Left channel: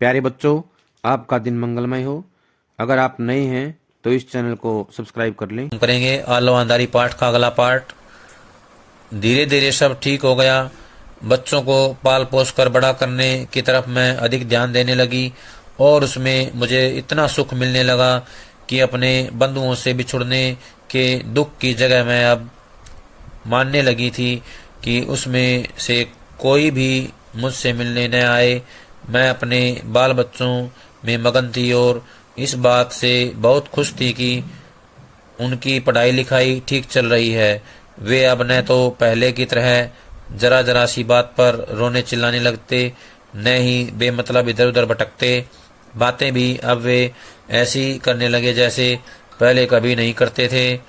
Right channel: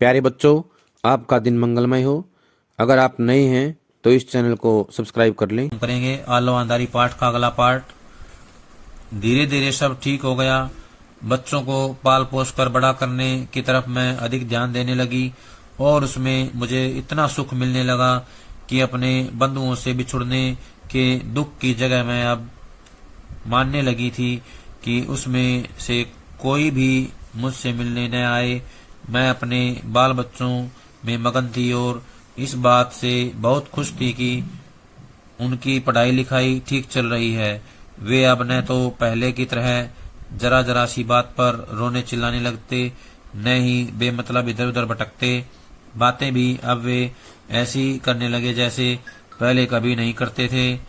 प्यारे बच्चों, आपका दिन मंगलमय हो। अगर आप नए हैं तो इस चैनल को सब्सक्राइब कर लें। हम करेंगे आलवानदारी पाठ का अगला पार्ट। धीरे धीरे सब ठीक हो गया। बच्चों को पाल पोस कर बड़ा करने की तरफ मैं अधिक ध्यान देने लगी और उसमें मुझे इतना सुख मिलने लगा कि अपने बंधुओं से बिछुड़ने के दुख की जगह मैं अब मानने लगी थी कि उसमें से कोई भी मुझसे मिलने न आए। मैं अपने बाल बच्चों में मगन थी और इस बात से बहुत खुश थी कि उनकी पढ़ाई लिखाई ठीक चल रही है। वे अब न तो पहले की तरह जरा जरा सी बात पर रोने चिल्लाने लगते, न ही बेमतलब इधर उधर भटकते। बातें भी अब वे ऐसी करने लगे जैसे पहले कभी नहीं करते थे।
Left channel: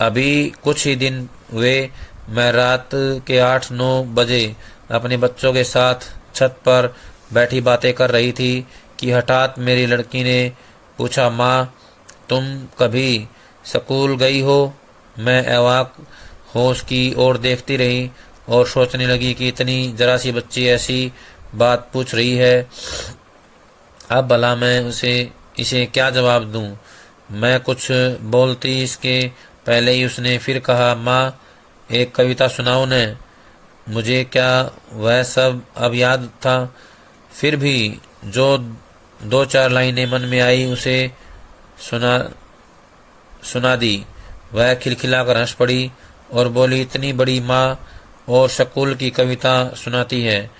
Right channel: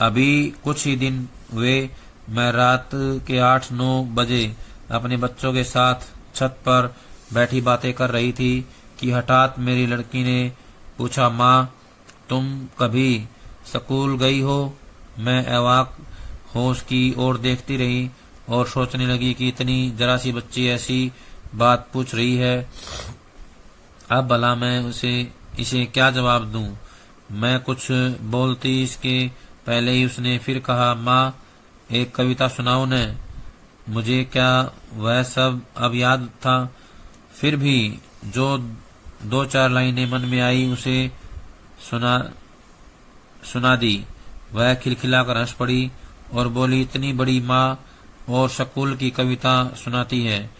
अभी कुछ ही दिन हुए मैं रात के 8-9 बजे अपने बच्चों के साथ छत पर बैठी बातें कर रही थी कि हठात मेरी लड़की ने पूछा, माँ तुम कभी स्कूल गई हो? मैं अवाक हो उसकी ओर देखती रही और सोचने लगी कि इतनी जरा सी बच्ची ऐसी बात पूछ रही है। अब भला मैं इसे क्या जवाब दूं? मैं कुछ बोलती इसके पहले ही उसने फिर कहा, माँ एक कविता सुनाओ न। मुझे क्या वह सब अब याद था? फिर भी जो 2-4 लाइनें मन में आई उसे सुना सुना दी। वह खिलखिलाकर हंस पड़ी और बोली, इतनी बड़ी माँ और स्कूल की कविता सुनाती है।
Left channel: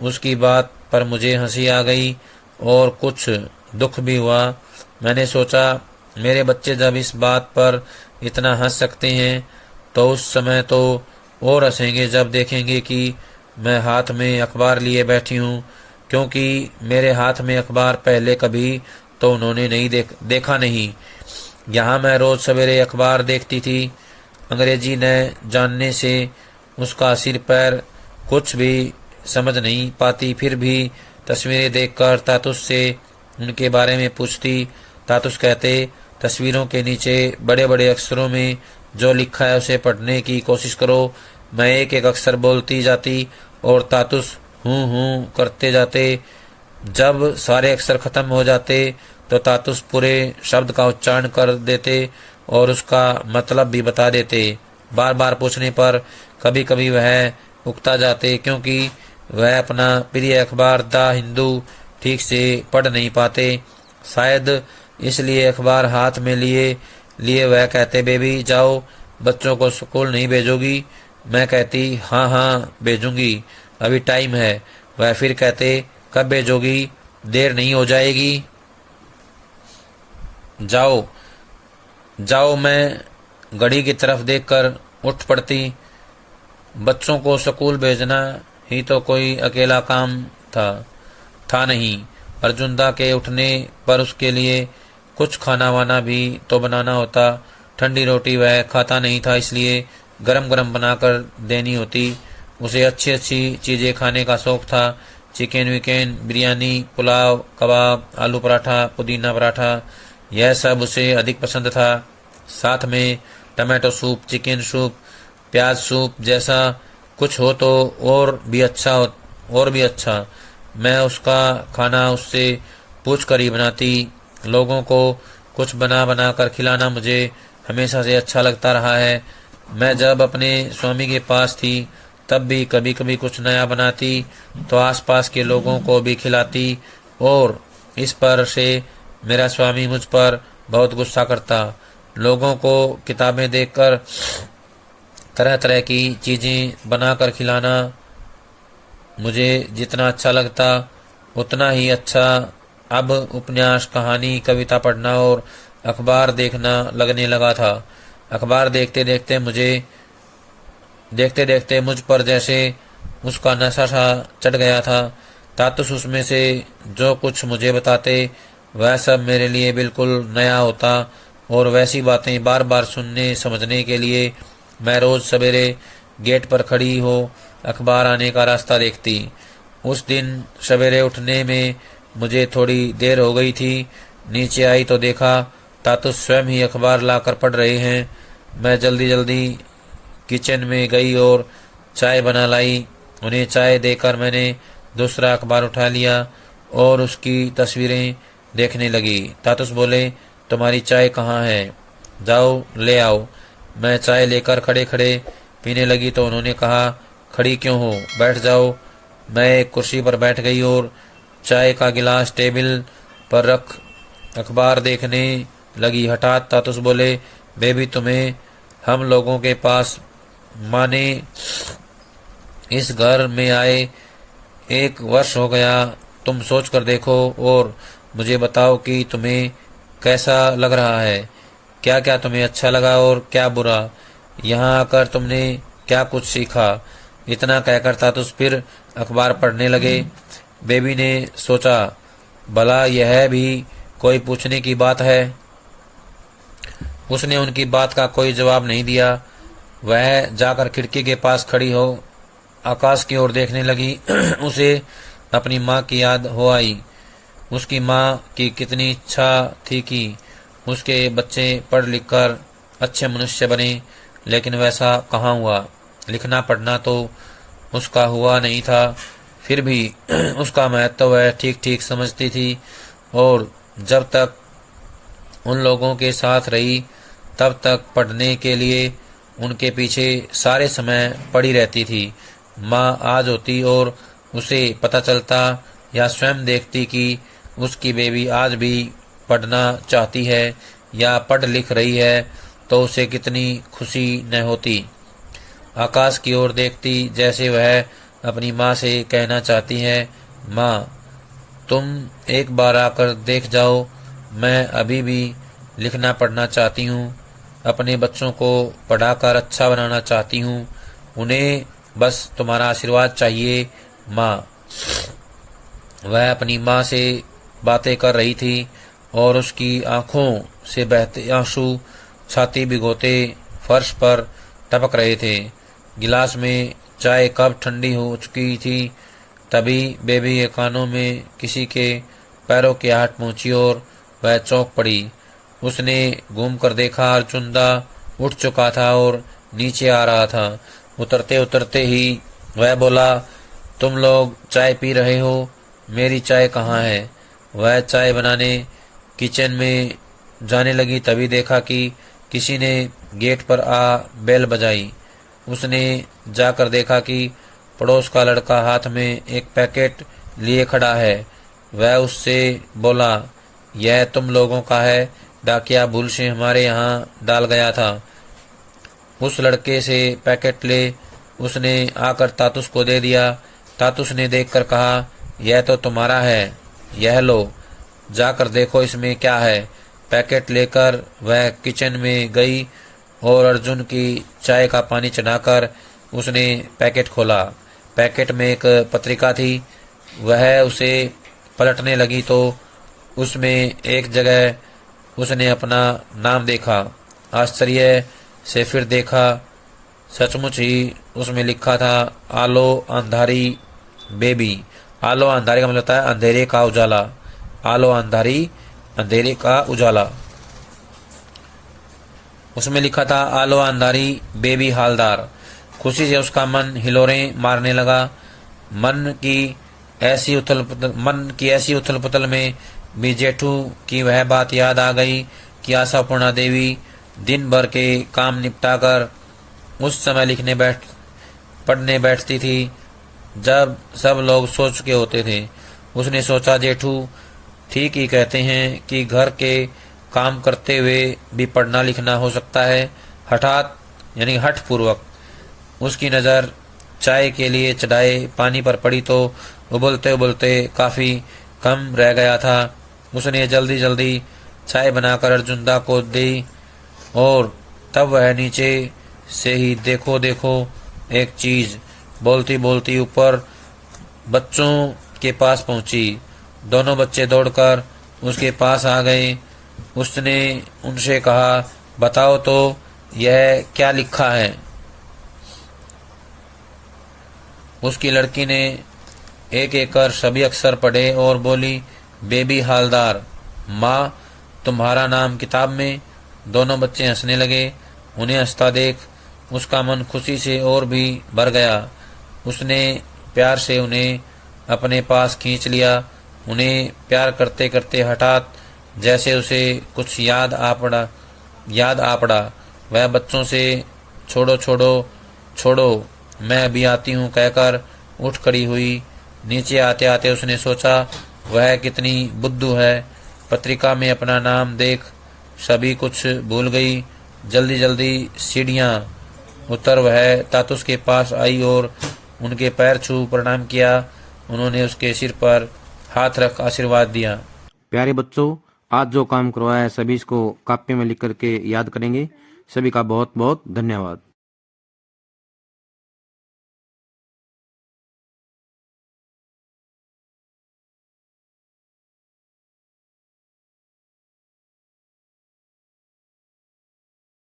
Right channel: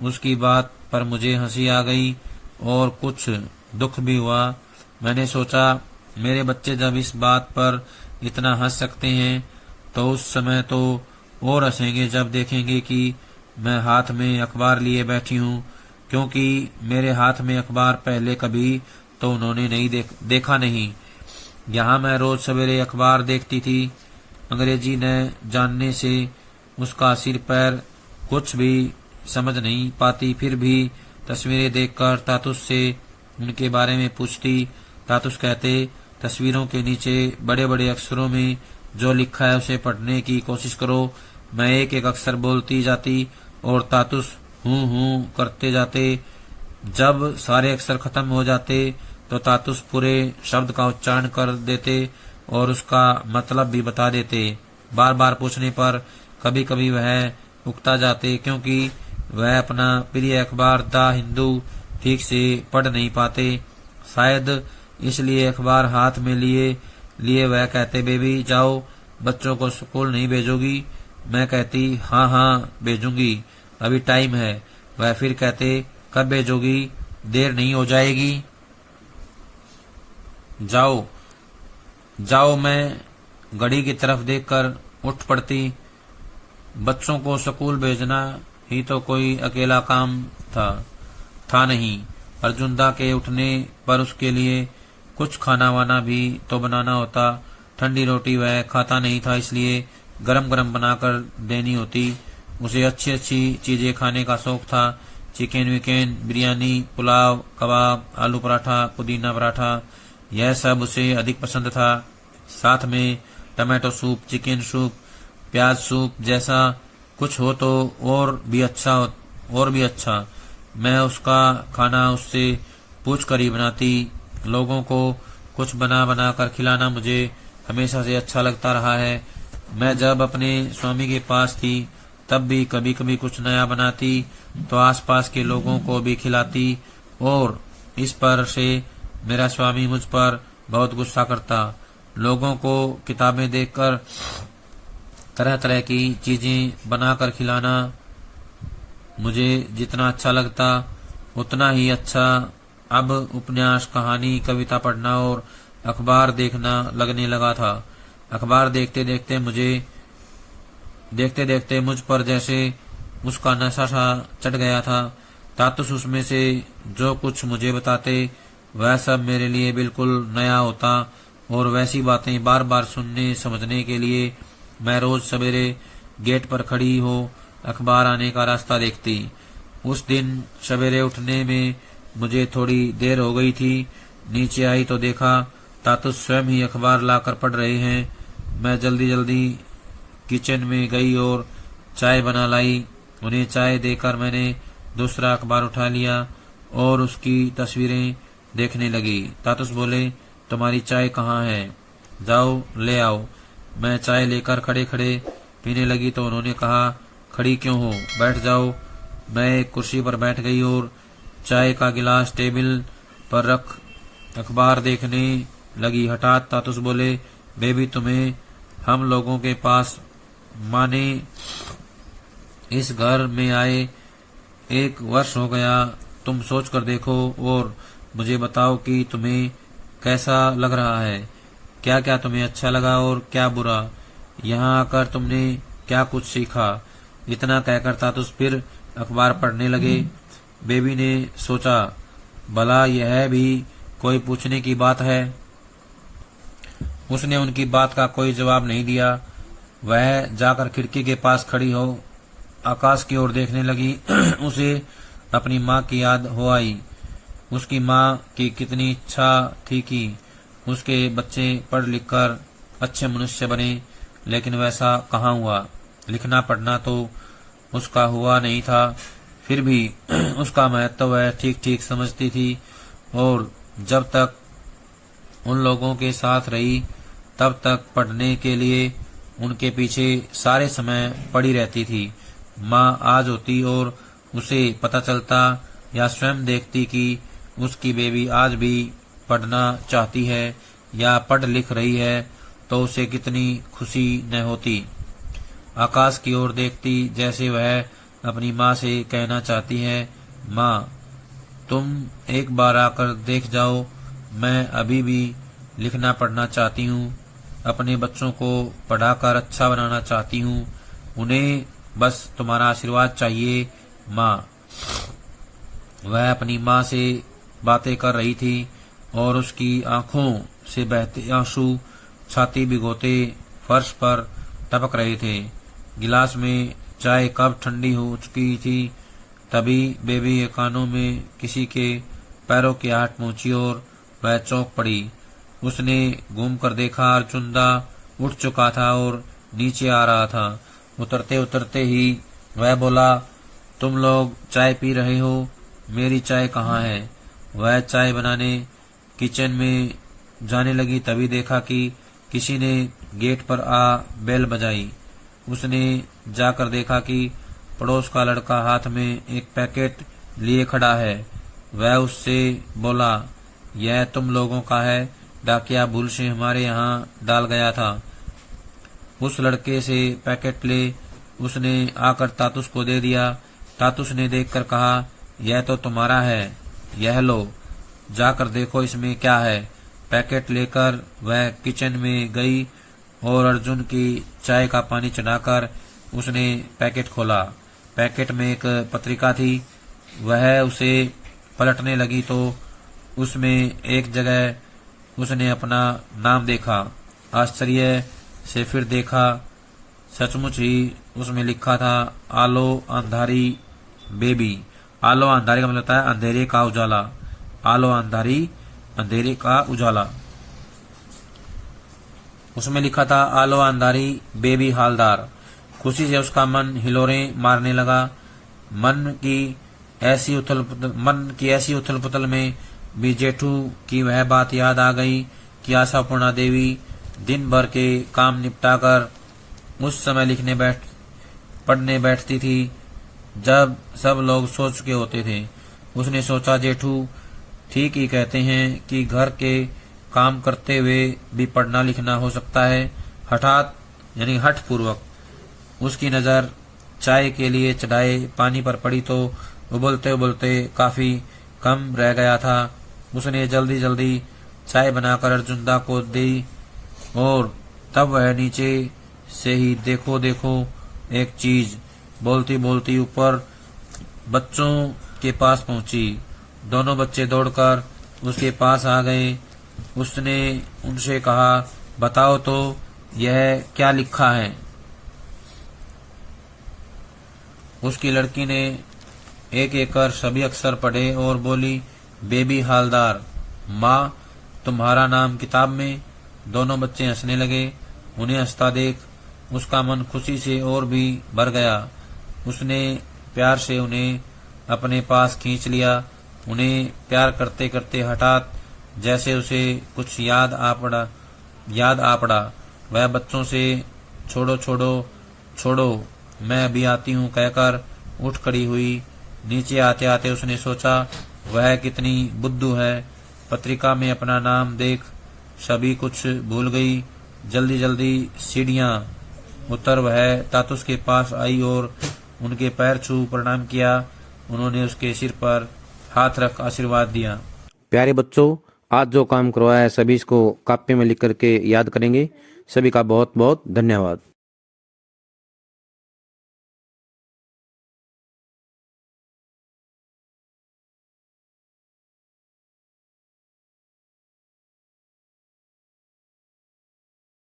उसकी बात पर मुझे हंसी आ गई और कुछ दुख भी हुआ। मैंने सोचा, मेरे बच्चे जब इस बात पर इतना हंस सकते हैं तो उस समय तो और हंसेंगे जब देखेंगे कि मैं हाथ में अखबार लिए बैठी हूँ, क्योंकि मेरे हाथ में अखबार पहले कभी तो उन्होंने नहीं देखा नहीं। यहाँ मैं रोज सवेरे अखबार देखती थी। अंग्रेजी न जानने से उसका सिर पैर कुछ भी समझ नहीं पाती, फिर भी तस्वीरें देखकर तातुस से उनके बारे में पूछती। तातुस कहते, तस्वीरों के नीचे बड़े बड़े अक्षरों में जो लिखा है उसे पढ़ने की कोशिश करो। मैं एक एक अक्षर बोलती जाती और तातुस हूँ करते जाते। जब सारे अक्षर खत्म हो जाते तो तातुस पूरे शब्द का उच्चारण कर देते और उसका मतलब भी बता देते। बार बार पूछने पर कभी कभी वह उकता जाते, क्योंकि वह अपना प्रिय अखबार द हिंदू ठीक से पढ़ नहीं पाते। शायद इसलिए अखबार हाथ में लिए लिए वह कहते, बेबी जाओ, बच्चों को स्कूल नहीं भेजोगी? मैं कहती, हाँ हाँ भेजूंगी, अभी टाइम है। वह फिर कहते, कब भेजोगी? देर नहीं हो जाएगी? जाओ जाओ। मैं घड़ी की तरफ देखकर उठ पड़ती। बच्चों को स्कूल भेजना ही तो कोई अकेला काम था नहीं। अर्जुनदा के उठने पर उसके लिए कुछ खाना वाना भी तो बनाना होता। ठंडी रोटी वह खाता नहीं था, इसलिए गरम गरम बनाकर देनी होती। उसे अच्छी अच्छी चीजें खाने का शौक था। चिकन विकन, बिरयानी, पुलाव, कबाब, आलू पराठा, पुदीना पराठा, यह सब उसे अधिक पसंद था। साथ में टमाटो सूप, चिकन सूप, प्याज सूप जैसा कुछ हो तो और भी अच्छा। मैं उसका खाना उससे पूछ कर ही बनाती। लोगों को कुछ बना बना कर खिलाना मुझे हमेशा से अच्छा लगता रहा है। मैं जब अपने स्वामी के पास थी तब भी कभी कभी कुछ नया बनाती तो आसपास के लोगों को भी खिलाती, और इस पर से मेरा स्वामी मुझ पर बहुत गुस्सा करता। लोगों को किताबें देखकर तरह तरह की चीजें बनाकर खिलाना मुझे जितना अच्छा लगता उतना ही अच्छा अब उपन्यास, कहानी, कविता पढ़ना और अखबार देखना लगने लगा था। अखबार देखते देखते मुझ पर जैसे उसका नशा सा चढ़ गया था। तातुस उसमें से जो कुछ मुझे बताते वह सब मेरे लिए बिल्कुल नया होता, और वैसी बातें बार बार सुनने समझने के लिए मैं रोज सवेरे गेट पर खड़ी हो अखबार आने का रास्ता देखती। उस दिन सवेरे उठने में मुझे थोड़ी देर हो गई थी। नीचे आई तो देखा तातुस स्वयं ही अखबार लाकर पढ़ रहे हैं। मैं जल्दी जल्दी किचन में गई और चाय बना लाई। उन्हें चाय देकर मैंने दूसरा अखबार उठा लिया। और उसकी तस्वीरें देखने लगी। तातुस बोले, तुम्हारी चाय कहाँ है? जाओ ले आओ। मैं चाय लेकर खड़े खड़े पीने लगी तो उन्होंने कहा, खड़ी क्यों हो, बैठ जाओ। मैं एक कुर्सी पर बैठ गई और चाय का गिलास टेबल पर रख अखबार देखने लगी। हठात तातुस बोले, बेबी, तुम्हें हम लोगों के पास माने इस घर में आए 1 वर्ष हो गया। तुम सोच कर देखो और मुझे बताओ कि तुम्हें कैसा लग रहा है, क्या क्या तुम्हें अच्छा लगा और क्या बुरा। यहाँ आकर तुमने क्या कुछ सीखा। इतना कहकर तातुस फिर अखबार पढ़ने लगे। बेबी ने सोचा, भला यह भी कोई पूछने की बात है। उसने उनकी बात का कोई जवाब नहीं दिया। वह जाकर खिड़की के पास खड़ी हो आकाश की ओर देखने लगी। उसे अपनी माँ की याद हो आई। उसकी माँ की कितनी इच्छा थी कि उसके बच्चे पढ़ लिख कर अच्छे मनुष्य बने, लेकिन वैसा कहाँ हुआ। लिखना पढ़ना तो उसका हुआ नहीं था, फिर भी उसका महत्व वह ठीक ठीक समझती थी और जब तक उन लोगों के साथ रही तब तक पढ़ने के लिए उनके पीछे सारे समय पड़ी रहती थी। माँ आज होती और उसे पता चलता या स्वयं देखती कि उसकी बेबी आज भी पढ़ना चाहती है या पढ़ लिख रही है तो उसे कितनी खुशी न होती। आकाश की ओर देखती जैसे वह अपनी माँ से कहना चाहती है, माँ, तुम एक बार आकर देख जाओ, मैं अभी भी लिखना पढ़ना चाहती हूँ, अपने बच्चों को पढ़ाकर अच्छा बनाना चाहती हूँ, उन्हें बस तुम्हारा आशीर्वाद चाहिए माँ। वह अपनी माँ से बातें कर रही थी और उसकी आंखों से बहते आंसू छाती भिगोते फर्श पर टपक रहे थे। गिलास में चाय कब ठंडी हो चुकी थी तभी बेबी के कानों में किसी के पैरों की आहट पहुंची और वह चौंक पड़ी। उसने घूम कर देखा, अर्जुनदा उठ चुका था और नीचे आ रहा था। उतरते उतरते ही वह बोला, तुम लोग चाय पी रहे हो, मेरी चाय कहाँ है? वह चाय बनाने किचन में जाने लगी तभी देखा कि किसी ने गेट पर आ बेल बजाई। उसने जाकर देखा कि पड़ोस का लड़का हाथ में एक पैकेट लिए खड़ा है। वह उससे बोला, यह तुम लोगों का है, डाकिया भूल से हमारे यहाँ डाल गया था। उस लड़के से पैकेट ले उसने आकर तातुस को दे दिया। तातुस ने देखकर कहा, यह तो तुम्हारा है, यह लो, जाकर देखो इसमें क्या है। पैकेट लेकर वह किचन में गई और अर्जुन की चाय का पानी चढ़ाकर उसने पैकेट खोला। पैकेट में एक पत्रिका थी। वह उसे पलटने लगी तो उसमें एक जगह उसने अपना नाम देखा। आश्चर्य से फिर देखा, सचमुच ही उसमें लिखा था, आलो अंधारी बेबी। आलो अंधारी का मतलब होता है अंधेरे का उजाला। आलो अंधारी, अंधेरे का उजाला। उसमें लिखा था, आलो अंधारी बेबी हालदार। खुशी से उसका मन हिलोरें मारने लगा। मन की ऐसी उथल पुथल में भी जेठू की वह बात याद आ गई कि आशापूर्णा देवी दिन भर के काम निपटाकर उस समय पढ़ने बैठती थी जब सब लोग सो चुके होते थे। उसने सोचा, जेठू ठीक ही कहते हैं कि घर के काम करते हुए भी पढ़ना लिखना हो सकता है। हठात यानी हठ पूर्वक उसकी नज़र चाय के लिए चढ़ाए पानी पर पड़ी तो उबलते उबलते काफ़ी कम रह गया था। उसने जल्दी जल्दी चाय बनाकर अर्जुनदा को दी और तब वह नीचे से ही देखो देखो एक चीज बोलती बोलती ऊपर बच्चों के पास पहुंची। दोनों बच्चे दौड़कर उसके पास आ गए। उसने उनसे कहा, बताओ तो यह क्या लिखा है? उसकी लड़की ने एक एक कर सभी अक्षर पढ़े और बोली, बेबी हालदार। माँ, तुम्हारा नाम किताब में। दोनों बच्चे हंसने लगे। उन्हें हंसता देख उसका मन खुशी से और भी भर गया। उसने प्यार से उन्हें अपने पास खींच लिया उन्हें प्यार करते करते हठात जैसे उसे कुछ याद आ पड़ा। वह बच्चों से छोड़ो छोड़ो छोड़ो, मैं अभी आती हूँ कहकर उठ खड़ी हुई। नीचे आते आते उसने सोचा वह कितनी बुद्धू है, पत्रिका में अपना नाम देख सभी कुछ भूल गई। जल्दी जल्दी सीढ़ियाँ उतर वह तातुस के पास आई और उनके पैर छू प्रणाम किया। उन्होंने उसके सिर पर हाथ रख आशीर्वाद दिया। प्यारे बच्चों, आज जो काम करवाया है सभी इसको कापी में लिख करके याद करेंगे। सभी का बहुत बहुत धन्यवाद।